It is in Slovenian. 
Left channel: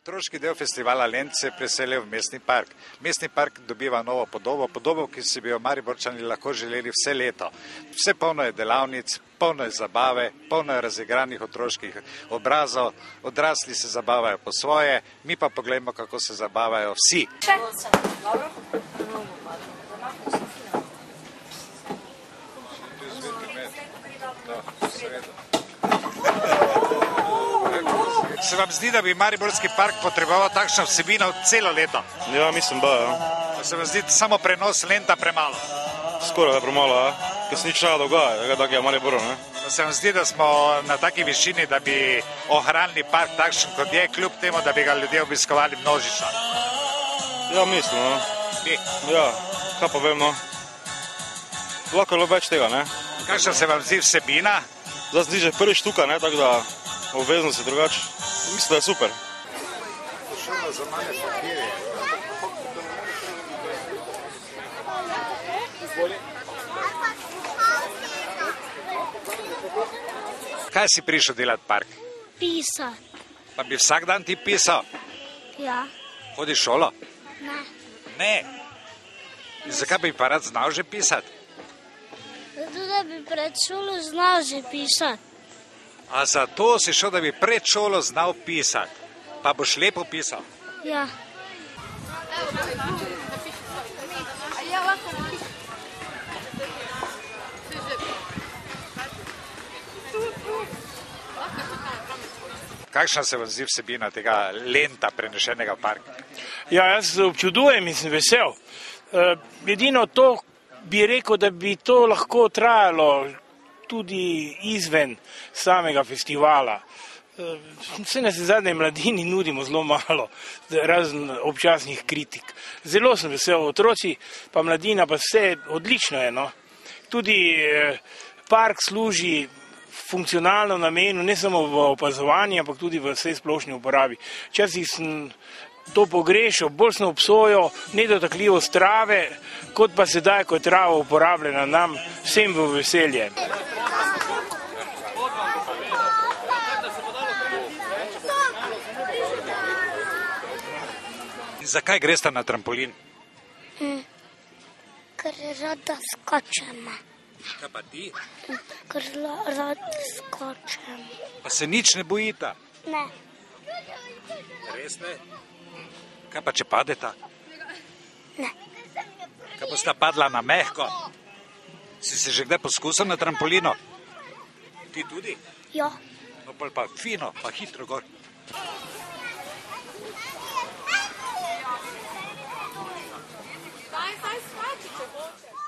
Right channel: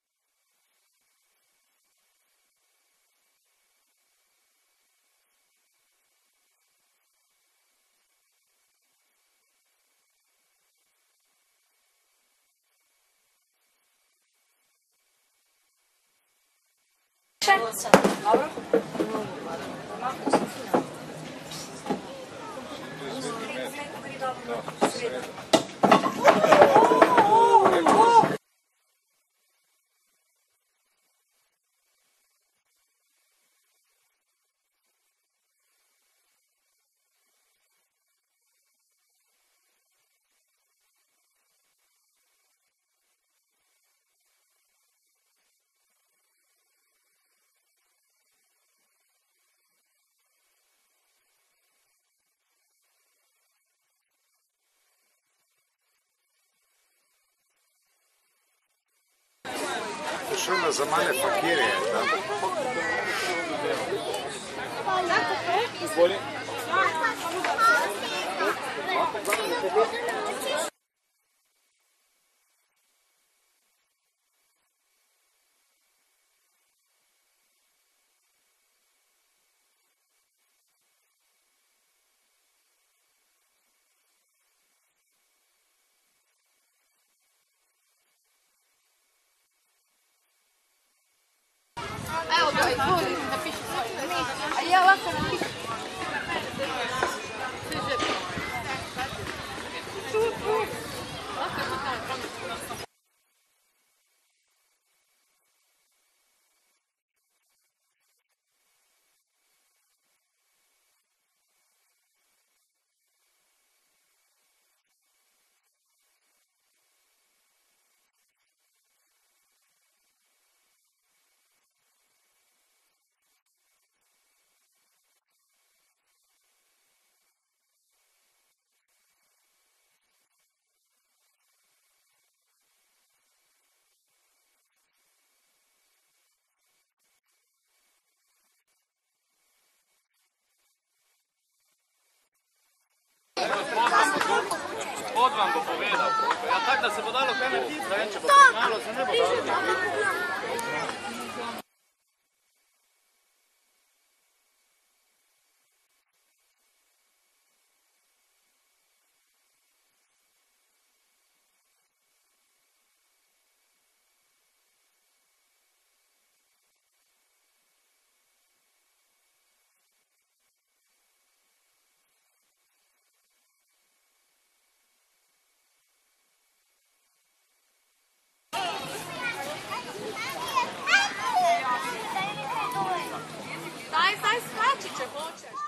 Otroški del festivala Lent se je preselil v mestni park. Mestni park dobiva novo podobo, ki si bi jo Mariborčani lahko želeli vse leto. Vse polno je delavnic, polno je zabave, polno je razigranih otroških obrazov, odrasli se zabavajo po svoje, mi pa pogledamo, kako se zabavajo vsi. Se vam zdi, da bi Mariborski park potreboval takšno vsebino celo leto? Ja, mislim, da, ja. Se vam zdi samo prenos Lenta premalo? Skoraj da premalo, ja. Ker se nič ne dogaja, tako je Mariboru, ne. Se vam zdi, da smo na taki višini, da bi ohranili park takšen, kot je, kljub temu, da bi ga ljudje obiskovali množično? Ja, mislim, no. Bi? Ja, kaj pa vem, no. Lahko je več tega, ne. Kakšna se vam zdi vsebina? Zdaj se zdi že prvi štuka, ne, tako da obvezno se drugače. Mislim, da je super. Šuma za mane pakirje. Kaj si prišel delati v park? Pisati. Pa bi vsak dan ti pisal? Ja. Hodiš v šolo? Ne. Ne. In zakaj bi pa rad znal že pisati? Zato, da bi pred šolo znal že pisati. A zato si šel, da bi pred šolo znal pisati? Pa boš lepo pisal? Ja. Kakšna se vam zdi vsebina tega Lenta prenešenega v park? Ja, jaz občudujem in sem vesel. Edino to bi rekel, da bi to lahko trajalo tudi izven samega festivala. Vse nas zadnje mladini nudimo zelo malo, razen občasnih kritik. Zelo sem vesel, otroci pa mladina pa vse odlično je, no. Tudi park služi funkcionalno namenu, ne samo v opazovanju, ampak tudi v vsej splošni uporabi. Včasih sem to pogrešal, bolj sem obsojal nedotakljivost trave, kot pa sedaj, ko je trava uporabljena nam vsem v veselje. In zakaj greste na trampolin? Ker rada skočim. Kaj pa ti? Ker rada skočim. Pa se nič ne bojita? Ne. Res ne? Kaj pa če padeta? Ne. Kaj bosta padla na mehko? Si se že kdaj poskusil na trampolinu? Ti tudi? Ja. No, pa fino, pa hitro gor. Zdaj skači, če hočeš.